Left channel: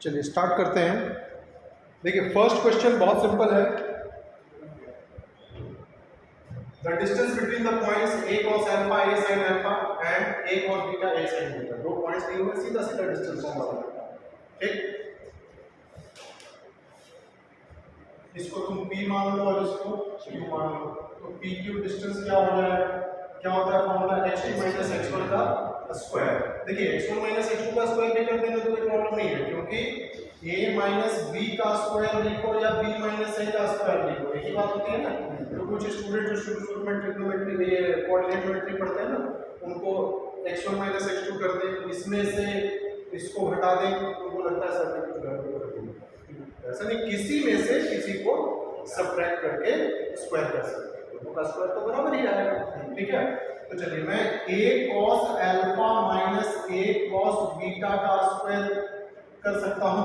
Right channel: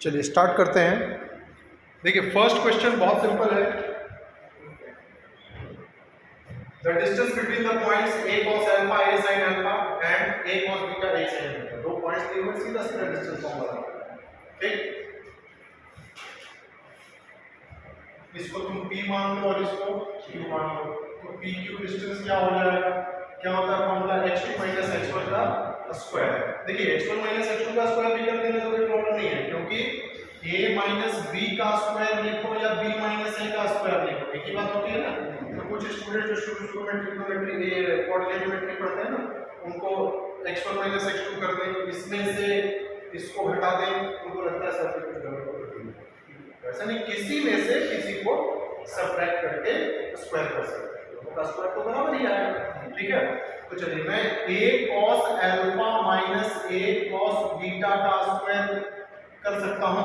चलिए स्टार्ट करते हैं। देखिए फर्स्ट क्वेश्चन बहुत सिंपल है। The distance between the points a cos alpha a sin alpha and a cos beta a sin beta, दो points दिए हुए, सीधा सीधा डिस्टेंस फॉर्मूला। ठीक, इसको तुम p मान लो और इसको q मान लो, तो pq डिस्टेंस क्या हो जाएगा, क्या होता है फॉर्मूला h2 - h1 का स्क्वायर। देखिए h1 - h2 का स्क्वायर भी कर देंगे तो कोई प्रॉब्लम नहीं है, क्योंकि a माइनस b का स्क्वायर लिखो या b माइनस a का स्क्वायर लिखो, एक ही बात होती है ना। तो कुछ स्टूडेंट जो शुरू में ट्रिग्नोमेट्री ये कोऑर्डिनेट ज्योमेट्री पढ़ते हैं ना, उनको x1 - x2 कर दें, इसमें से इसको घटा दें, उनको लगता है सर कुछ गड़बड़ कर दी। ऐसा नहीं, किसी में से किसी को सब्ट्रैक्ट करके स्क्वायर कर सकते हैं, दोनों का स्क्वायर तो बराबर ही आएगा। ठीक है, तो चलिए मैं a cos alpha minus a cos beta का स्क्वायर कर सकता हूँ।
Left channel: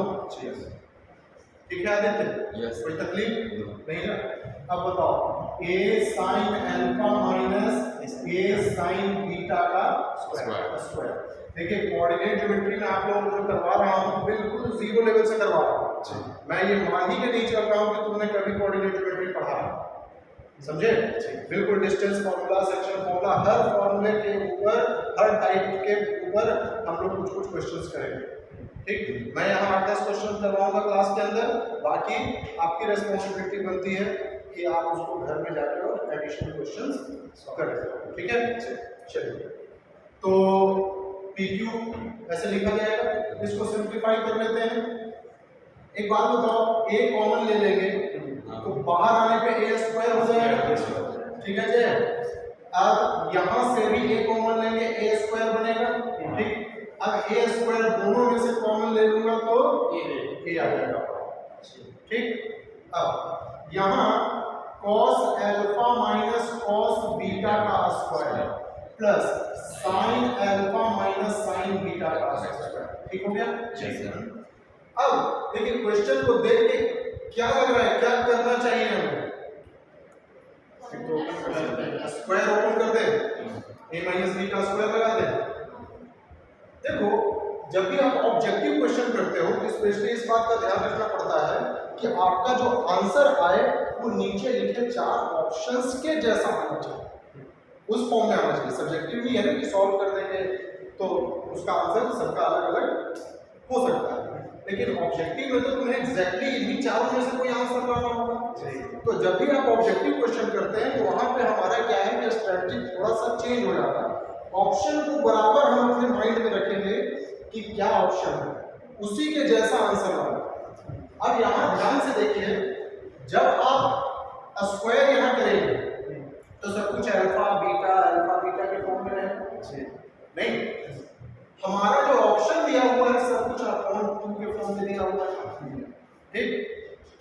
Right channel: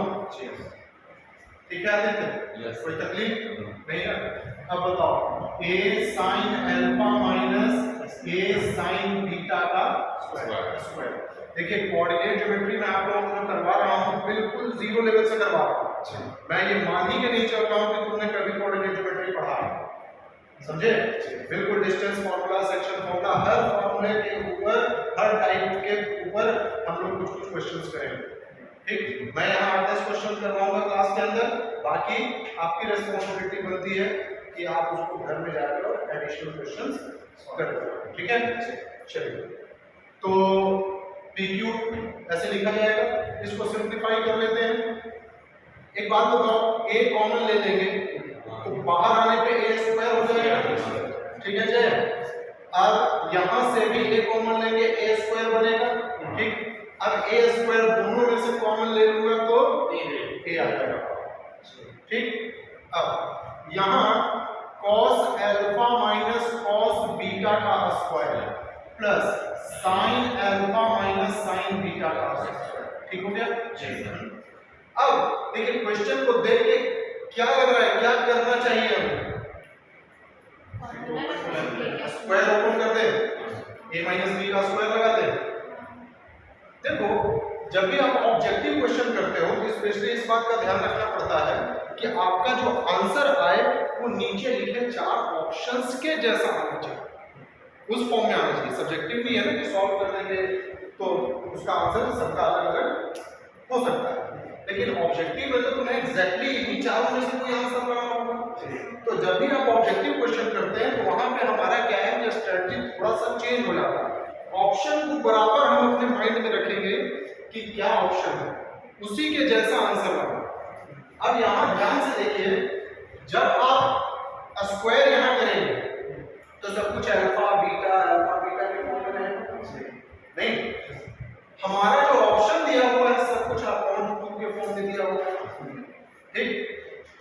ठीक है आदित्य, कोई तकलीफ नहीं है। अब बताओ a sin alpha minus a sin beta का स्क्वायर। देखिए कोऑर्डिनेट ज्योमेट्री में आप लोगों को जो करवा रहा हूँ बिल्कुल जीरो लेवल से करवा रहा हूँ। मैं ये मान ही के नहीं चल रहा हूँ कि तुमने कभी कोऑर्डिनेट ज्योमेट्री पढ़ा है, समझे। बिल्कुल डिस्टेंस फार्मूला, सेक्शन फार्मूला, हर फार्मूले के ऊपर, हर टाइप के ऊपर हम लोग कुछ कुछ क्वेश्चंस करेंगे। ठीक, मैं यहाँ 10 क्वेश्चन करवाऊंगा क्लास के अंदर, बाकी आपकी रिस्पांसिबिलिटी बनती है कि आप उसको घर में जाकर और एडिशनल क्वेश्चंस करें। ठीक है, चलिए तो PQ ऐसे लिखा जाएगा, इसको सिंप्लीफाई कर लेते हैं। एक बात बताओ, a कॉमन ले लेंगे तो बाहर आने पे a स्क्वायर हो जाएगा। ठीक है जय, अब यहां से भी a कॉमन लेंगे, a स्क्वायर बनेगा। ठीक, अब a स्क्वायर दोनों में से कॉमन ले लूंगा तो a आ जाएगा। ठीक, अब यहां cos alpha minus cos beta का square plus sin alpha minus sin beta का स्क्वायर। ठीक हो गया जी। अब देखिए क्वेश्चन को देख के क्या लग रहा है, क्या करना चाहिए हमें? स्क्वायर ओपन कर दे, a माइनस b का स्क्वायर लगा दे। देखो जब भी आप ऑब्जेक्टिव क्वेश्चन करते हो तो स्पेशली इस बात का ध्यान रखना पड़ता है कि आपका जो आंसर आए वो नीचे लिखे 4 ऑप्शंस के जैसा आना चाहिए, उस फॉर्म में आना चाहिए। सब्जेक्टिव नहीं है ना कि सॉल्व कर देंगे तो उसका आंसर सबका अलग अलग हो सकता है, लेकिन ऑब्जेक्टिव में तो तुम्हें एग्जैक्टली इन्हीं चारों में से कोई आंसर लाना होगा। तो जब भी आप ऑब्जेक्टिव क्वेश्चन करते हैं तो वहां पे हमारा क्या है कि स्ट्रेटजी थोड़ा सा चेंज हो जाता है। ऑप्शन को बराबर हम अपने माइंड में रखेंगे कि क्या ऑप्शन है, उसी के जैसा आंसर लाना। अब यहां ध्यान से देखिए, जब आप स्क्वायर यहां करेंगे तो सब कुछ अल्फा बीटा के फॉर्म में रहेगा नहीं, हमारा जो ऑप्शन दिया हुआ है सब कुछ अपॉन 2 के फॉर्म में दिया हुआ है। ठीक,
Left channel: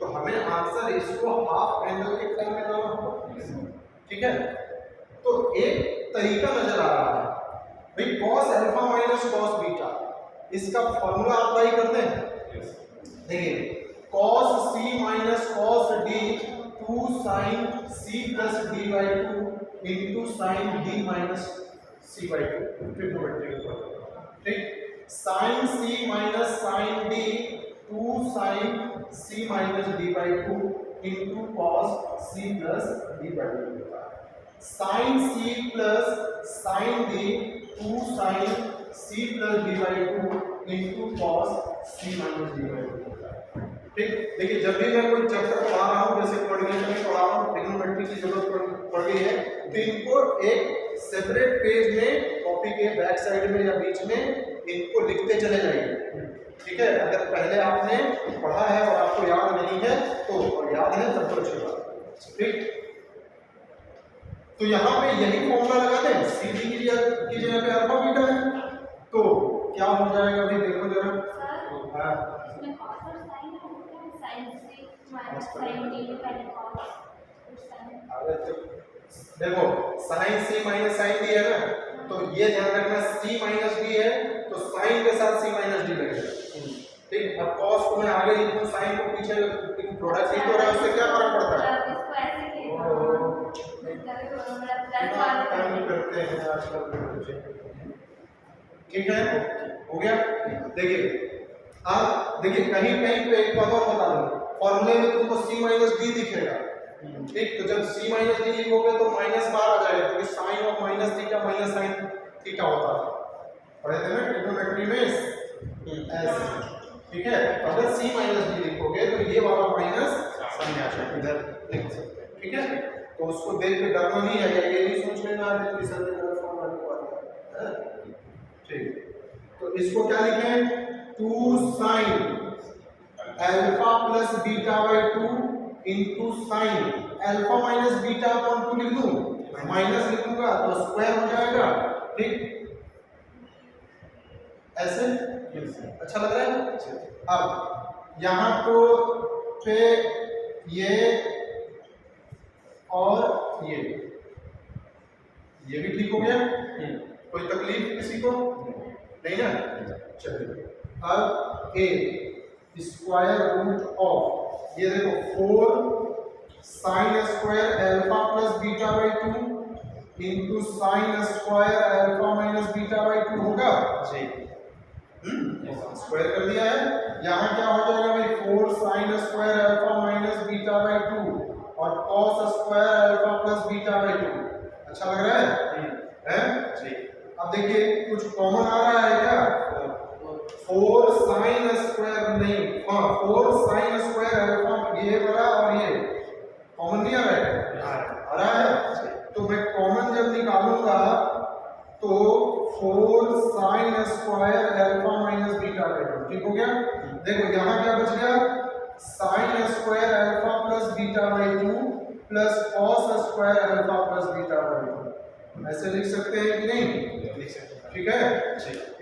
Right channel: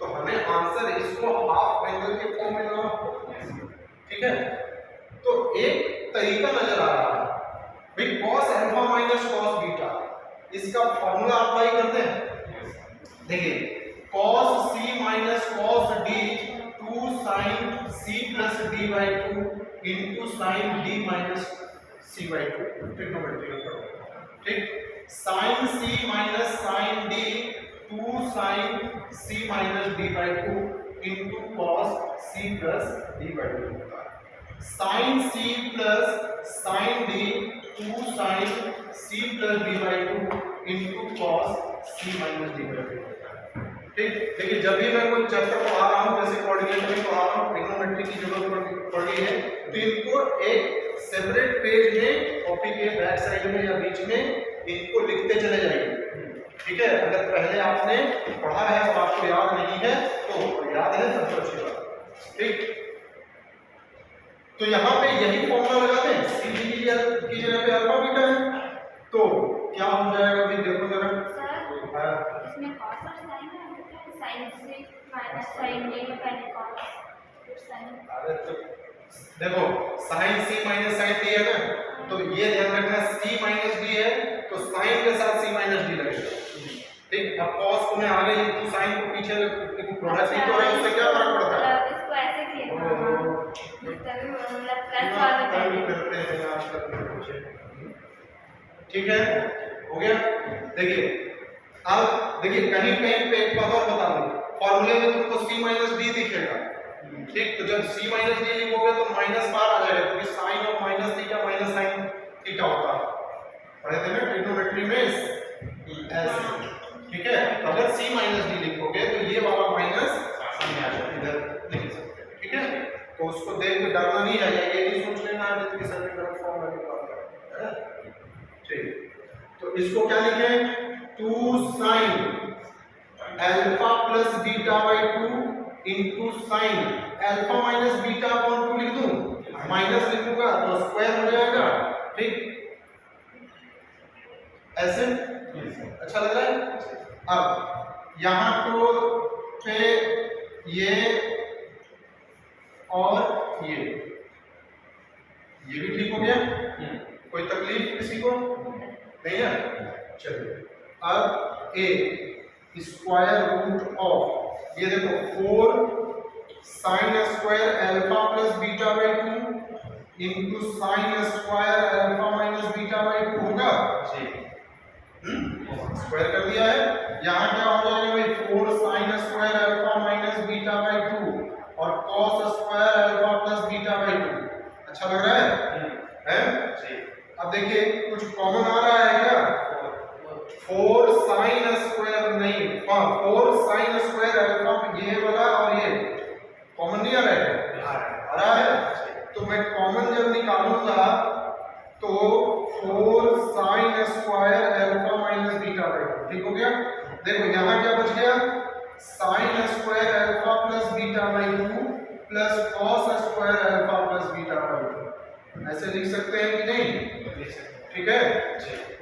तो हमें आंसर इसको हाफ एंगल के फॉर्म में लाना होगा। ठीक है, तो एक तरीका नजर आ रहा है भाई, cos alpha minus cos beta, इसका फॉर्मूला अप्लाई करते हैं। देखिए cos c minus cos d 2 sin c plus d by 2 into sin d minus c by 2 trigonometry का। ठीक, sin c minus sin d 2 sin c minus d by 2 into cos c plus d by 2 होता है। sin c plus sin d 2 sin c plus d by 2 into cos c minus d by 2 होता है। ठीक, देखिए जब भी मैं कोई चैप्टर पढ़ा रहा हूँ, जैसे कोऑर्डिनेट में पढ़ा रहा हूँ, ट्रिग्नोमेट्री की जरूरत पड़ रही है, तो इनको एक सेपरेट पेज में कॉपी के बैक साइड में या बीच में इनको लिखते चले जाइए। ठीक है, अगर पहले आपने पढ़ा है और आपको याद नहीं है तो याद है तो अच्छी बात। ठीक, तो यहाँ पे यही फॉर्मूला लगा दें, सी की जगह पे अल्फा बीटा है तो क्या हो जाएगा अभी देखो जरा। इसमें cos और sin से माइनस sin d में पहले cos फिर sin। अरे तो देखो sin c minus sin d है ना, तो ये ध्यान रखना c माइनस d है तो sin के साथ c माइनस d लगेगा। ठीक, अब cos को मैं आगे लिख दूं, sin को पीछे प्रोडक्ट ही तो है, उससे क्या फर्क पड़ता है। इसको ऐसे किया प्लस वाला करते हैं आजकल बच्चे। ठीक है, हो गया। देखिए अब देखिए कहीं कहीं पे एक बात और बता दूं, फॉर्मूले में तुमको c माइनस डी दिखेगा, ठीक, तो जब c माइनस डी लिखोगे तो माइनस बाहर आ जाएगा, क्योंकि sine of minus theta minus sine theta होता है, पढ़े थे ना ट्रिग्नोमेट्री में ऐसे, ठीक है। तो अगर c माइनस डी लिखोगे तो ये वाला माइनस सामने आ जाएगा, इधर लिख सकते हैं, ठीक है। तो उसको देख के डरना नहीं है, या ये नहीं सोच लेना है कि सर ने गलत फॉर्म लगा है, ठीक। तो इसको क्या लिखें, 2 sin alpha plus beta by 2 into sine alpha minus beta upon 2 लिख दूं, माइनस लिखूंगा तो स्क्वायर हो जाएगा, ठीक, ऐसे अच्छा लग रहा है। अब यहां तो पे ये और ये भी ठीक हो गया, कोई तकलीफ किसी को नहीं ना। चलिए अब a स्क्वायर रूट ऑफ, ये देखो 4 sine square alpha plus beta by 2 into sine square alpha minus beta by 2 होगा जी, स्क्वायर कर दिया है। यहाँ क्या हो जाएगा भाई, 4 sine square alpha minus beta by 2 और cos square alpha plus beta by 2, अच्छा लग रहा है जी। अब देखिए कुछ कॉमन आ रहा है क्या, 4 साइन स्क्वायर नहीं, हाँ 4 साइन स्क्वायर अल्फा, ये वाला और ये कॉमन नहीं आ रहा है, आ रहा है। तो मैं कॉमन जब निकालूंगा तो 4 sine square alpha minus beta by 2, ठीक हो गया। देखो यहाँ क्या बच गया, sine square alpha plus beta by 2 plus cos square alpha plus beta by 2, ऐसे लिख सकते हैं कि नहीं, ठीक है।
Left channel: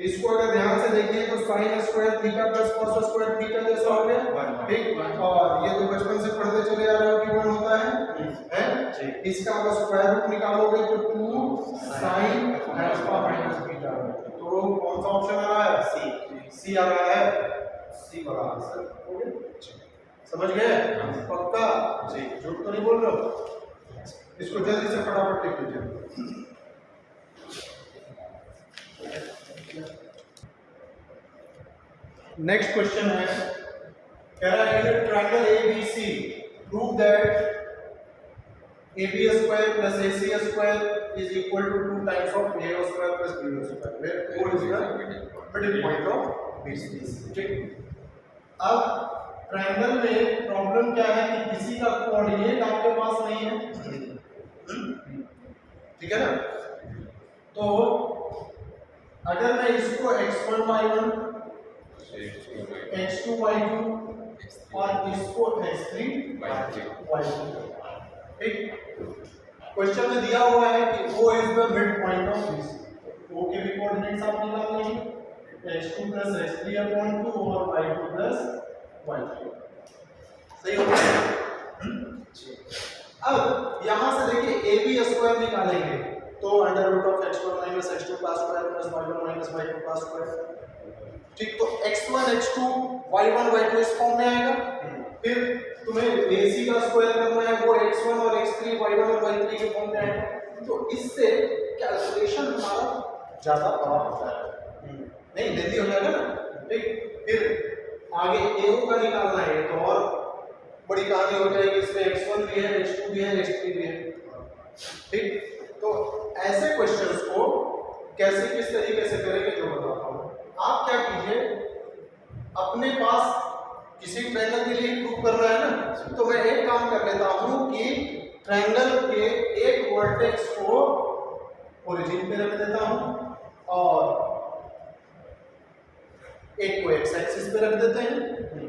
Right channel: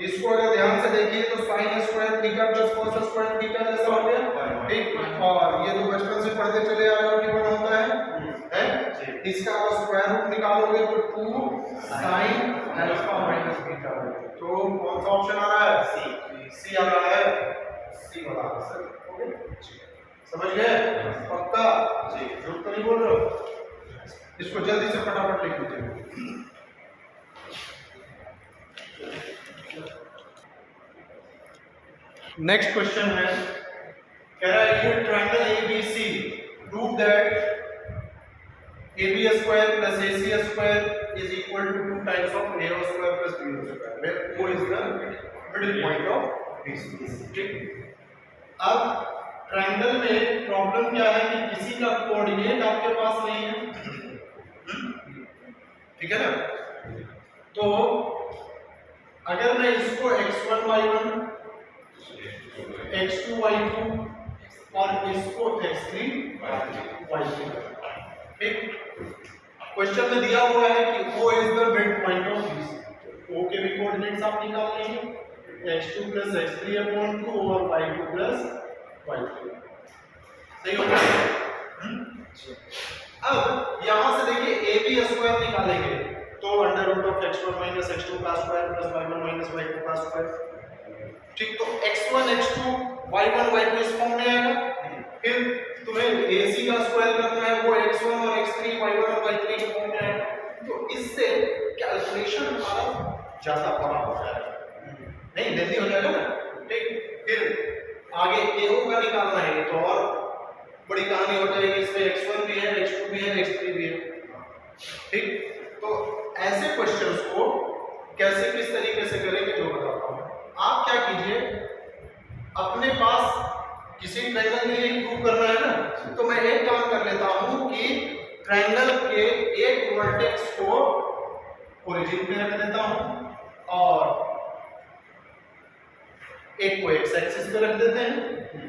इसको अगर ध्यान से देखिए तो sine square theta plus cos square theta जैसा हो गया, ठीक, और ये तो बचपन से पढ़ते चले आ रहे हो कि कौन होता है जी। इसका अगर स्क्वायर रूट निकालोगे तो 2 साइन अल्फा माइनस बीटा, तो कौन सा ऑप्शन आ रहा है, सी आ रहा है, सी वाला आंसर हो गया, समझ गए पक्का जी, झूठ तो नहीं बोल रहे हो। इसको जल्दी से फटाफट लिख लीजिए। नेक्स्ट क्वेश्चन है, कह रहा है triangle ABC prove that AB square plus AC square is equal to 2 times of AO square plus BO square, where O is the middle point of BC, ठीक। अब ट्रायंगल में प्रॉब्लम क्या है कि किसी का कोऑर्डिनेट आपके पास नहीं है, ठीक है ना। तो अगर मैं इसको x1 y1 x2 y2 और इसको x3 y3, ठीक। क्वेश्चन में दिया हुआ है कि O is the mid point of BC, O के भी कोऑर्डिनेट्स आप निकाल लेंगे, x2 प्लस x3 अपॉन 2 और y2 प्लस y3, सही हो गया। अब यहां से देखिए AB स्क्वायर निकालेंगे तो under root of x1 minus x2 का square plus y1 minus y2 का स्क्वायर, ठीक। तो x1 x2 y1 y2 इस फॉर्म में आएगा, फिर तुम्हें AC का स्क्वायर करना है, वो x1 और x3 y1 और y3 के फॉर्म में आएगा, तो इससे कैलकुलेशन हमारा ज्यादा बड़ा हो जाएगा, नहीं जल्दी हो जाएगा ना, ठीक। फिर आगे AO का निकालना है तो और बड़ी कहानी हो जाएगी, इसमें x1 भी है x2 भी है x3 भी है, ठीक। तो ऐसे क्वेश्चंस को कैसे किस तरीके से करेंगे जो बताता हूं। आप क्या कीजिए, अपने पास किसी ट्रायंगल के लिए प्रूव करना है ना, तो मैं एक काम कर लेता हूं कि ट्रायंगल के एक वर्टेक्स को ओरिजिन पे रख देता हूं और एक को एक्स एक्सिस पे रख देते हैं,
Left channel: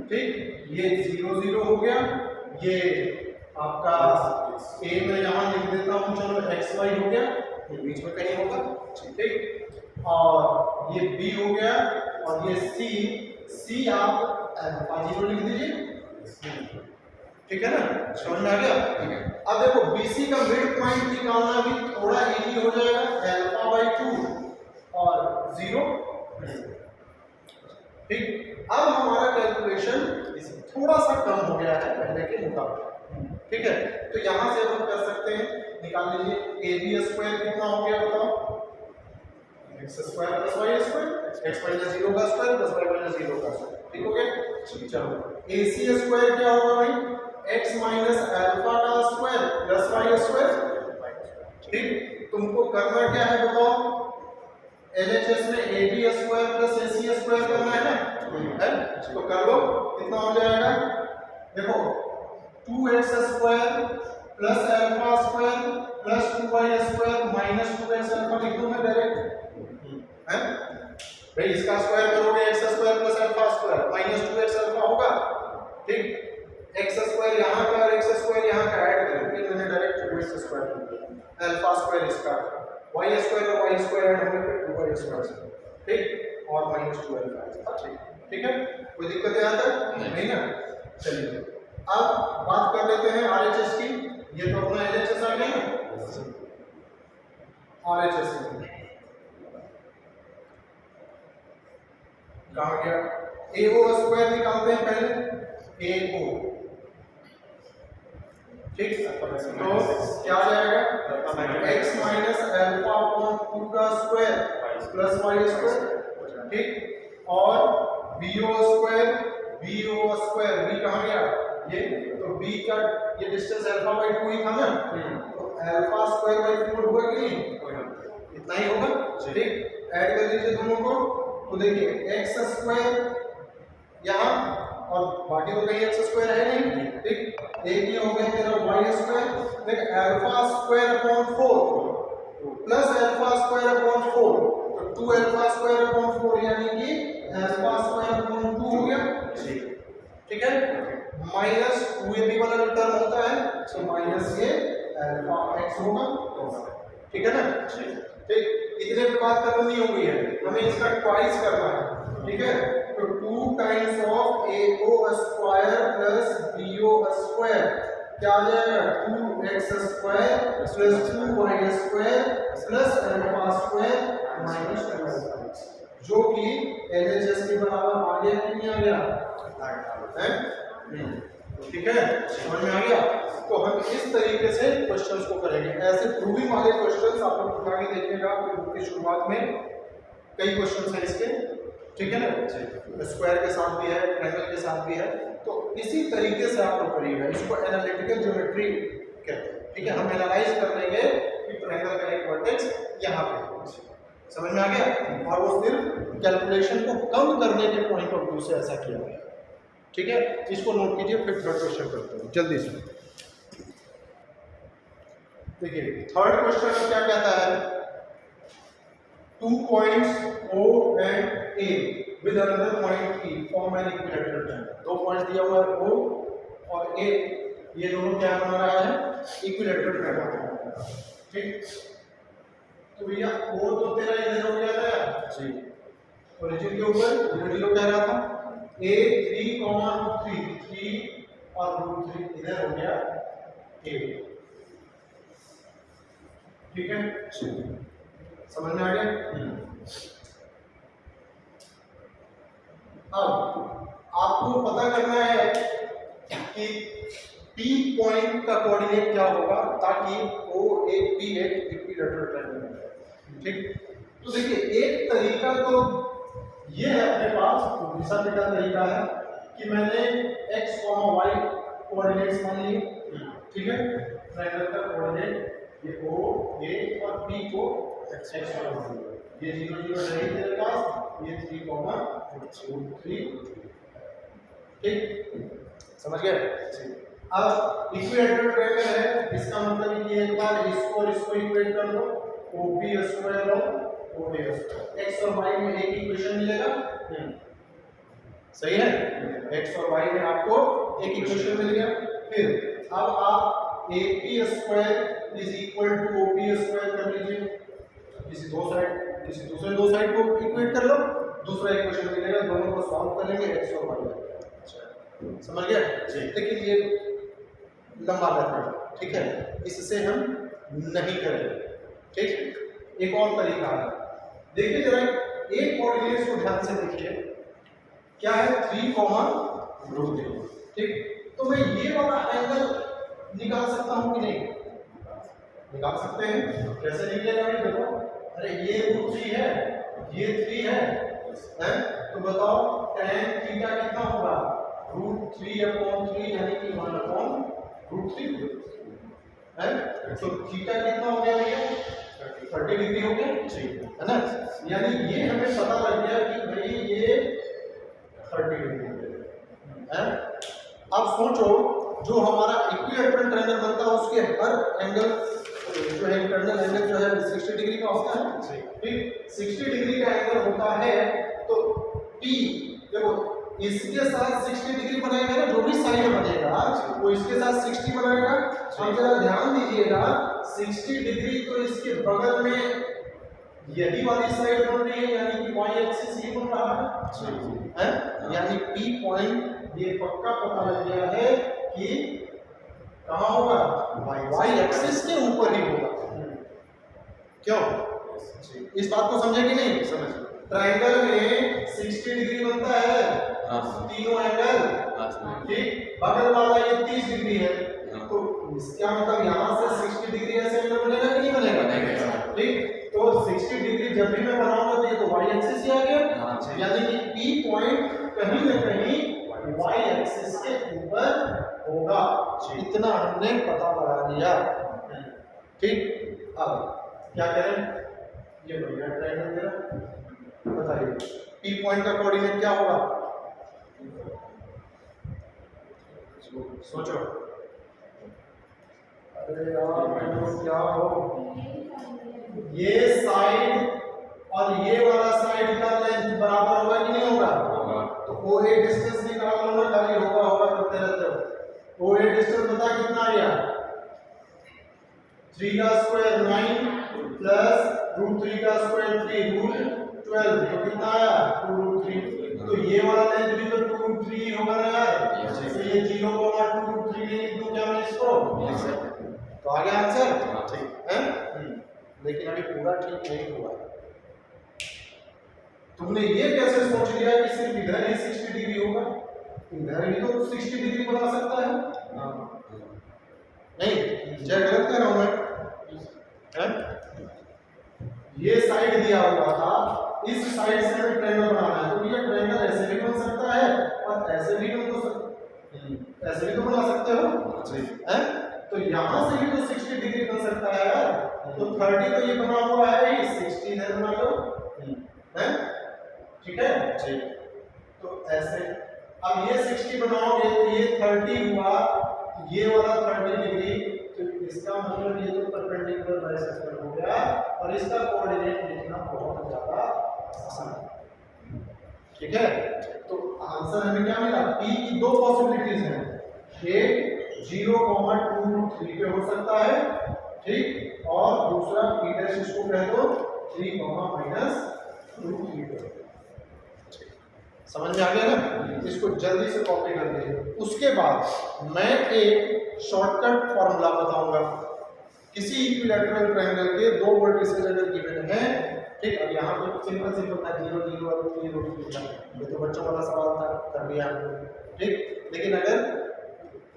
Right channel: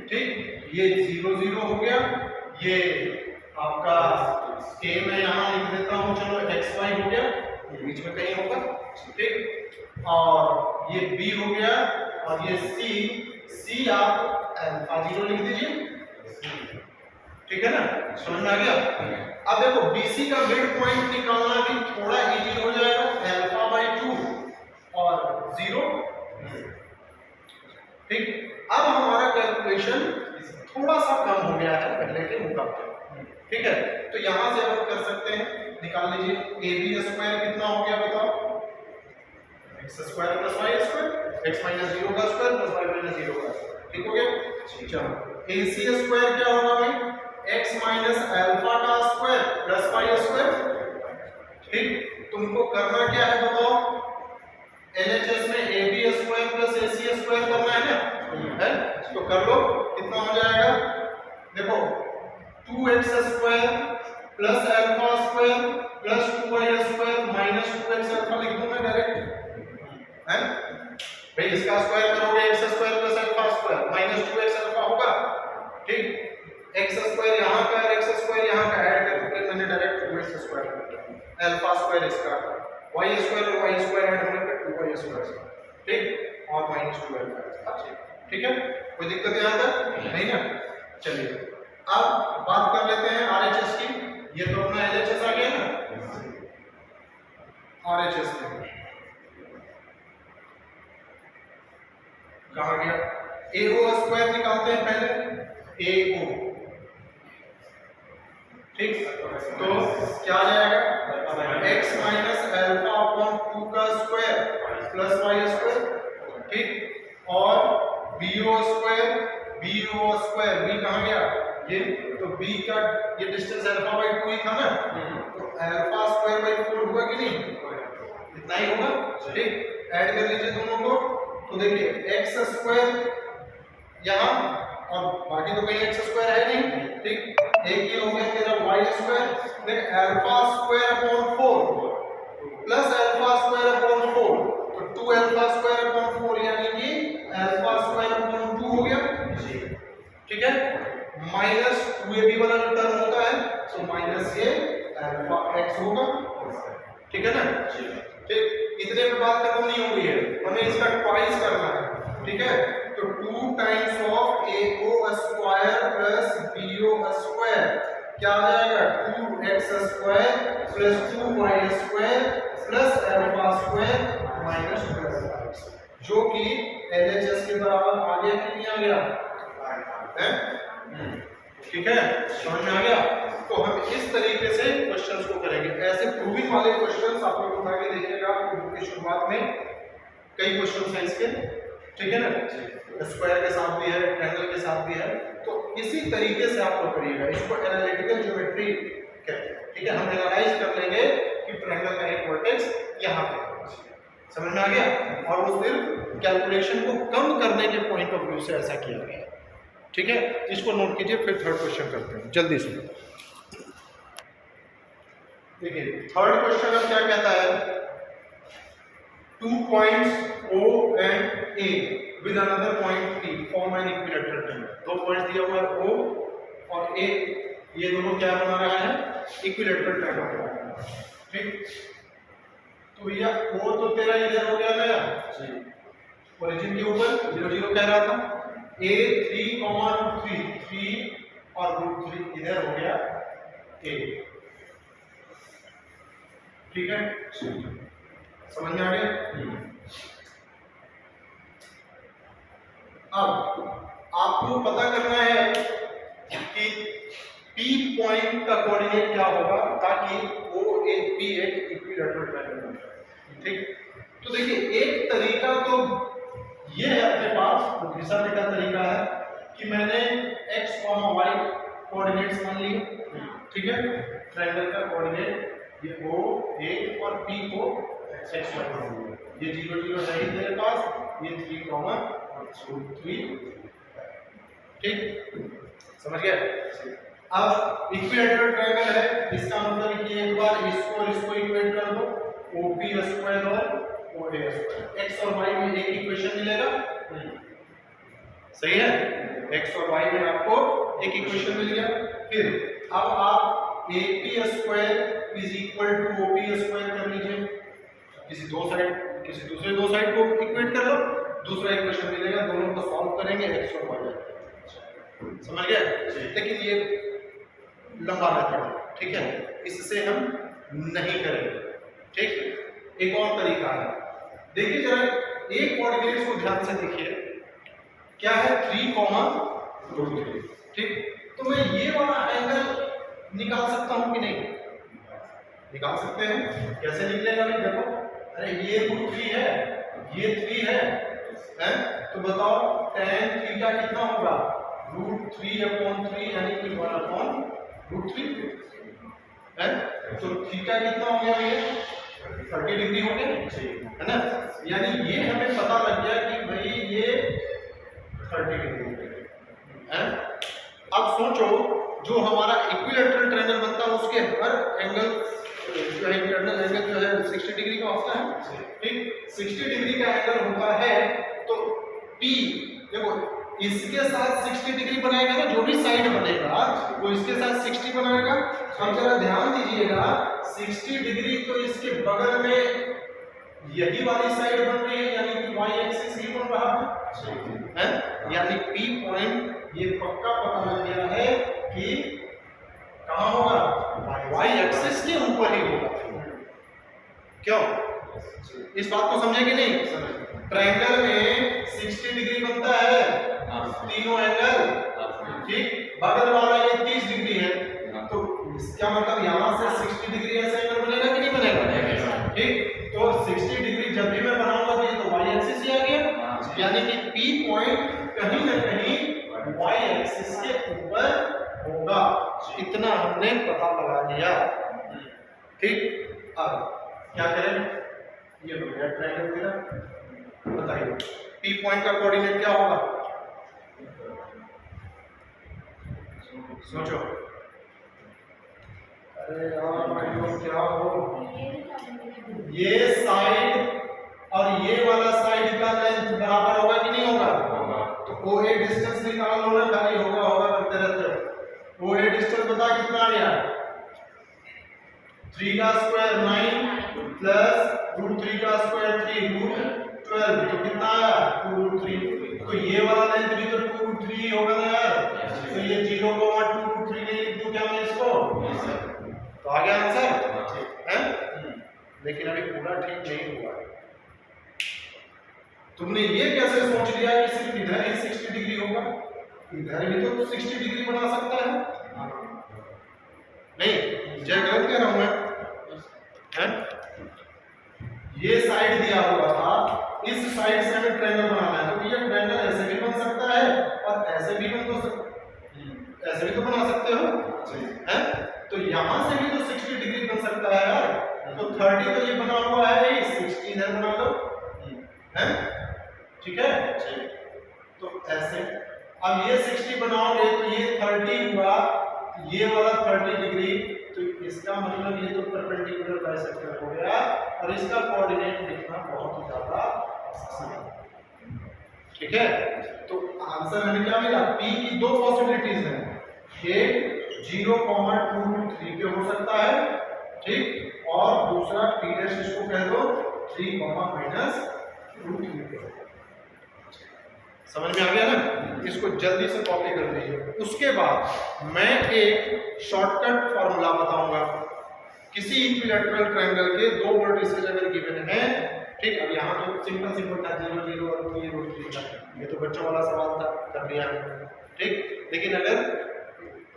ठीक। ये 0 0 हो गया, ये आपका A में यहां लिख देता हूं, चलो एक्स वाई हो गया, ये बीच में कहीं होगा, ठीक। और ये B हो गया और ये C आप अल्फा 0 लिख दीजिए, ठीक है ना, समझ में आ गया। अब देखो BC का मिड पॉइंट निकालना भी थोड़ा इजी हो जाएगा, अल्फा बाई 2 और 0, ठीक। अब हमारा कैलकुलेशन थोड़ा सा कम हो गया है पहले के मुकाबले, ठीक है। तो यहां से हम कर सकते हैं, निकाल लीजिए AB स्क्वायर कितना हो गया बताओ, x square plus y square, x minus 0 का स्क्वायर प्लस y माइनस 0 का स्क्वायर, ठीक हो गया। चलो ए सी स्क्वायर क्या होगा भाई, x माइनस अल्फा का स्क्वायर प्लस वाई स्क्वायर। ठीक, तुमको करना क्या है बताओ, एलएचएस में A B square plus A C square करना है ना, है तो कर लो। कितना हो जाएगा देखो, 2x square plus alpha square plus 2y square minus 2x alpha लिख दूं मैं डायरेक्ट, है भाई। इसका स्क्वायर करोगे x square plus alpha square minus 2x alpha होगा। ठीक, x स्क्वायर यहाँ का और x स्क्वायर यहाँ का ऐड करके मैंने डायरेक्ट 2x स्क्वायर कर दिया, अल्फा स्क्वायर इसका, y स्क्वायर और y स्क्वायर ऐड होने पे 2y स्क्वायर। ठीक, और माइनस 2 अल्फा। ठीक है, कोई दिक्कत यहाँ तक नहीं ना। चलिए अब बात कर लेते हैं आरएचएस की। ये तो अपना एलएचएस आ गया ना, आरएचएस में कहाँ गया, एओ स्क्वायर निकालते हैं पहले, एओ। ठीक, तो क्या आ जाएगा, x माइनस अल्फा अपॉन 2 का स्क्वायर प्लस वाई स्क्वायर। ठीक, और बीओ स्क्वायर, बीओ स्क्वायर बी कहाँ गया, ये तो बी का ये डिस्टेंस अल्फा बाई 2 ही था ना, तो अल्फा स्क्वायर बाई 4 हुआ कि नहीं, इतना ही होगा। ठीक, ऐड कर लीजिए दोनों को, तो देखिए x स्क्वायर यहाँ और बाकी तो कहीं x स्क्वायर है नहीं। ठीक, एक ये हो गया तेरा y स्क्वायर, देख alpha square upon 4 plus alpha square upon 4, तो 2 अल्फा स्क्वायर अपॉन 4 यानी कि अल्फा स्क्वायर अपॉन 2 हो गया। ठीक है, माइनस 2ab वाला जो टर्म होता है तो माइनस ये अल्फा x होगा। ठीक है ना, ठीक, इतने पे बात खत्म नहीं हो गई है, हमें इसका ट्वाइस करना है। ठीक है, तो 2 times of AO square plus BO square क्या आ जाएगा, 2x square plus 2y square plus alpha square minus 2x, जो कि LHS के बराबर आ गया कि नहीं आ गया, है? ठीक है, समझ में आ गया। तो हम इस तरीके से क्वेश्चंस को करेंगे, ऐसे प्रूविंग वाले क्वेश्चंस आप लोग उठा के देखिएगा बुक की शुरुआत में, कई क्वेश्चंस हैं इसके। ठीक है ना, स्क्वायर के साथ भी है, ट्रायंगल के साथ भी है, तो इसी तरीके से आप लोग करिएगा। इसको एनालिटिकल ज्योमेट्री कहते हैं। ठीक है, हम एनालाइज कर लेंगे कि ट्रायंगल का एक वर्टेक्स यहाँ पे, समझ में आ गया, और वो सिर्फ कैलकुलेशन को कम करने के पॉइंट ऑफ व्यू से ऐसा किया गया। ठीक है, इसको नोट कीजिए, फिर थर्ड क्वेश्चन करते हैं जल्दी से। देखिए थर्ड क्वेश्चन अब क्या कहता है, 2 points O and A with another point P form an equilateral triangle। 2 points दिया हुआ है O और A, ये दोनों क्या बना रहा है, इक्विलैटरल ट्रायंगल बना रहा है। ठीक, तो भैया O तो तेरा इधर हो गया ना जी, ओरिजिन के ऊपर 0 0 कह रहा था, A 3, 3 और √3 इधर हो गया A। ठीक है, समझ में आ गया। अब आपको पता करना है कि P पॉइंट का कोऑर्डिनेट क्या होगा ताकि OAP एक इक्विलैटरल ट्रायंगल बने। ठीक, तो देखिए एक तरीका तो ये है अपने पास, घिसा पिटा तरीका है कि मैंने x, y कोऑर्डिनेट्स मान लिए। ठीक है, ट्रायंगल का कोऑर्डिनेट ये O, A और P को x ये 0 0 है ही तेरे पास, ये 3, 3। ठीक, समझ गए। अब इक्विलैटरल ट्रायंगल है, इसका मतलब कि एक बार इसको और इसको इक्वेट कर दो, OP स्क्वायर और OA स्क्वायर, x और y में एक इक्वेशन मिलेगा। सही है, x और y में आपको एक इक्वेशन मिल गया। फिर अब आप AP square is equal to OP square कर लीजिए, किसी दूसरे दो साइड को इक्वेट कर लो, दूसरा इक्वेशन मिलेगा, दोनों को सॉल्व करेंगे, x और y समझ गया। लेकिन ये लंबा मेथड है, ठीक है, इससे हम नहीं करेंगे। ठीक, एक और तरीका है, देखिए जरा एक कोऑर्डिनेट्स को ध्यान से देखिए, क्या है 3, √3। ठीक, तो मैं ये वाला एंगल निकाल सकता हूं कि नहीं, निकाल सकते हैं। कैसे निकलेगा भाई, देखो, अरे ये √3 है, ये 3 है, तो बताओ tan थीटा कितना होगा, √3/3 यानी कि 1/√3 है। तो थीटा कितना हो गया भैया? 30 डिग्री हो गया, है ना। यानी ये हमें पता लग गया कि भाई ये 30 डिग्री हो गया है। अब सोचो जो हमारा इक्विलैटरल ट्रायंगल बनता है उसके हर एंगल जो है इंटरनल एंगल जो है 60 डिग्री का होता है, ठीक। 60 डिग्री का एंगल होता है तो P देखो इसके साथ 60 डिग्री बनाएगा ना, जो भी साइड बनेगा वो इसके साथ 60 बनाएगा। अब जरा ध्यान दीजिएगा 60 डिग्री तो इसके बगल में यही वाली साइड बन रही है, यानी कि y एक्सिस ही बन रहा है। यानी P पॉइंट ये पक्का पता लग गया है कि कहां होगा, y एक्सिस के ऊपर ही होगा। क्यों? इस बात को समझे कि नहीं? ट्रायंगल में 60 डिग्री बनता है, तीनों एंगल, ठीक। बगल वाला ये 30 डिग्री है, तो इसका मतलब यहाँ से 60 डिग्री ऐसा एंगल बनेगा कि नहीं बनेगा, ठीक। तो 60 डिग्री जब भी मैं बनाऊंगा तो ये तो y एक्सिस ही आ गया, यानी कि P पॉइंट कहीं ना कहीं y एक्सिस के ऊपर होगा। इतना हमने पता लगा लिया, ठीक। अब क्या करें, ये हो गया ट्रायंगल मेरा। बताइए P पॉइंट का कोऑर्डिनेट क्या होगा? सोचो। अरे यार भाइयों क्या हो, ये साइड और ये वाला साइड का लेंथ बराबर होगा कि नहीं होगा? तो OA डिस्टेंस निकाल लो ना, खाली होगा करते रहते हो। OA डिस्टेंस बता कितना आ गया? 3 का स्क्वायर 9 प्लस √3 का स्क्वायर 3 √12, तो कितना आया 2√3। तो ये वाला लेंथ भी तो 2√3 होगा ना यार। तो ये 0,2√3 ले लिख दूं क्या मैं इसको? तो आ गया आंसर, ठीक है। लेकिन अभी पूरा ठीक नहीं हुआ। तुमने ये कैसे सोच लिया कि सिर्फ इधर ही 60 डिग्री होगा? इधर भी तो 60 डिग्री बना सकता है। नहीं, जय गलत कह रहा हूं मैं, है? ये साइड दिया हुआ था, इस साइड से हमें ट्रायंगल बनाना है, तो ये ट्रायंगल ऐसे भी बन सकता है और ऐसे भी बन तो ऐसे भी तो बना सकते हो, हैं? तो यहाँ से भी तो 60 डिग्री बन सकता है यार। तो 30 तो ये बना हुआ है, 60 इधर बना लो, हैं? ठीक है, ठीक। तो ऐसे अब ये 60 बनाओगे तो ये 30 हुआ, ये वाला 30 डिग्री, तो इसका मतलब ये तो परपेंडिकुलर बाइसेक्टर हो गया और इसका कोऑर्डिनेट लिखना बहुत ज्यादा आसान है, ठीक है। तो आंसर हमें क्या मिला? P की दो पॉसिबिलिटीज हैं, एक 0,2√3 पे हो सकता है, ठीक, और दूसरा P डैश इसको कह दो 3, -√3 पे। समझ में आ गया ना? इसको जल्दी से कॉपी कर लीजिए। उसके बाद मैं एक शॉर्टकट फॉर्मूला बताऊंगा। किसी इक्विलैटरल ट्रायंगल के दो वर्टिसेस अगर गिवन हैं, ठीक। अब यहाँ तो सिंपल था 0, 0 और 3√3 था, ये तो बच्चों वाला सवाल था, कर लिया हमने, ठीक। लेकिन अगर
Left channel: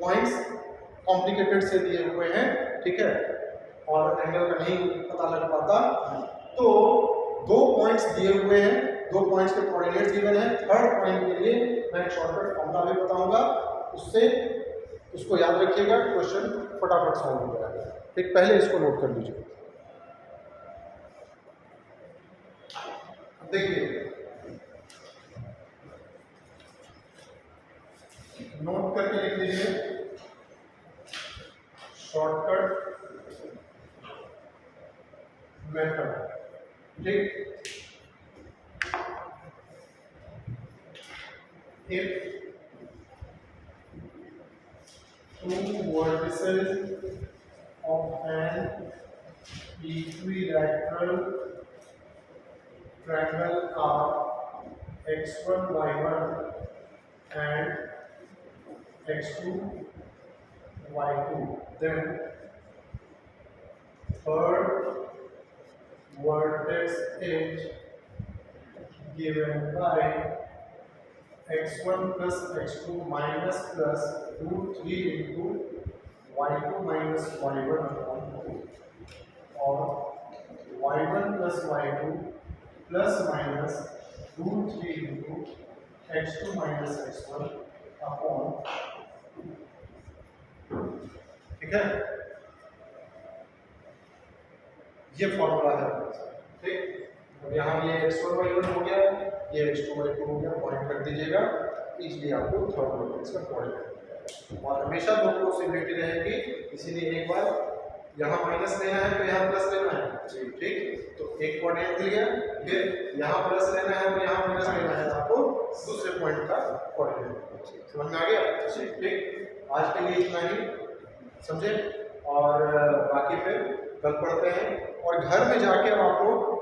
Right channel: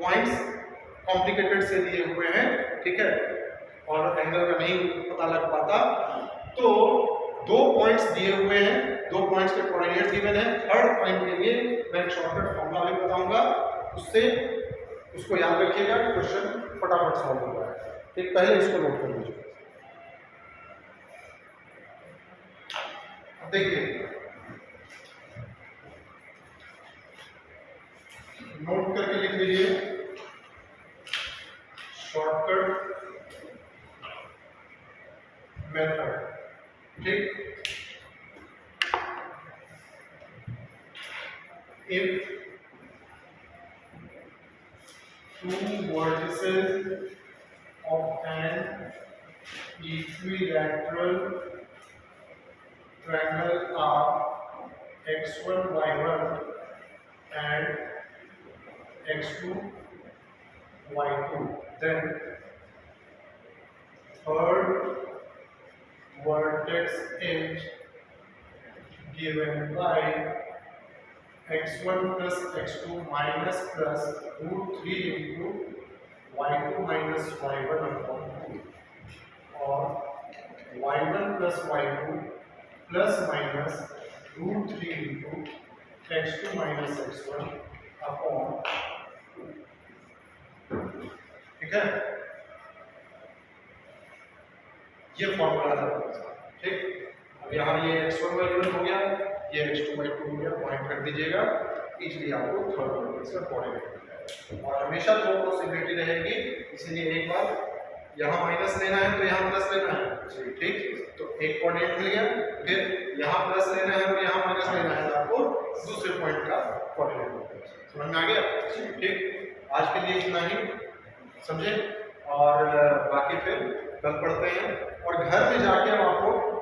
पॉइंट्स कॉम्प्लिकेटेड से दिए हुए हैं, ठीक है, और एंगल का नहीं पता लग पाता, तो दो पॉइंट्स दिए हुए हैं, दो पॉइंट्स के कोऑर्डिनेट गिवन है। थर्ड पॉइंट के लिए मैं एक शॉर्टकट फॉर्मूला भी बताऊंगा, उससे उसको याद रखिएगा, क्वेश्चन फटाफट सॉल्व हो जाएगा, ठीक। पहले इसको नोट कर लीजिए। देखिए नोट करके लिख लीजिए, शॉर्टकट मेथड, ठीक। If two vertices of an equilateral triangle are x1, y1 and x2, y2, then third vertex is given by x1 plus x2 minus plus √3 into y2 minus y1 upon 2, और y1 plus y2 plus minus √3 into x2 minus x1 upon, ठीक है, ये formula है, ठीक। अब यहाँ ये x1 y1 हो गया, ये x2 y2 हो गया, पॉइंट रख दीजिएगा, इजीली आपको थर्ड मैट्रिक्स का कोऑर्डिनेट मिल जाएगा। और हमेशा दो पॉसिबिलिटी रहेगी, इसीलिए एक बार यहाँ माइनस लेना है तो यहाँ प्लस लेना है, ठीक। तो एक कोऑर्डिनेट मिल गया, फिर यहाँ प्लस लेना है और यहाँ माइनस लेना है, आपको दूसरे पॉइंट का कोऑर्डिनेट समझ में आ गया, ठीक। आज के लिए इतना ही, समझे, और बाकी फिर कल पढ़ते हैं। और घर में जाके अब आप लोग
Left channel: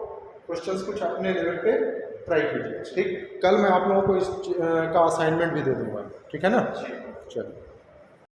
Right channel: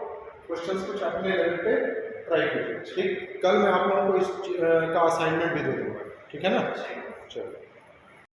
क्वेश्चंस कुछ अपने लेवल पे ट्राई कीजिए, ठीक। कल मैं आप लोगों को इस का असाइनमेंट भी दे दूंगा, ठीक है ना, चलो।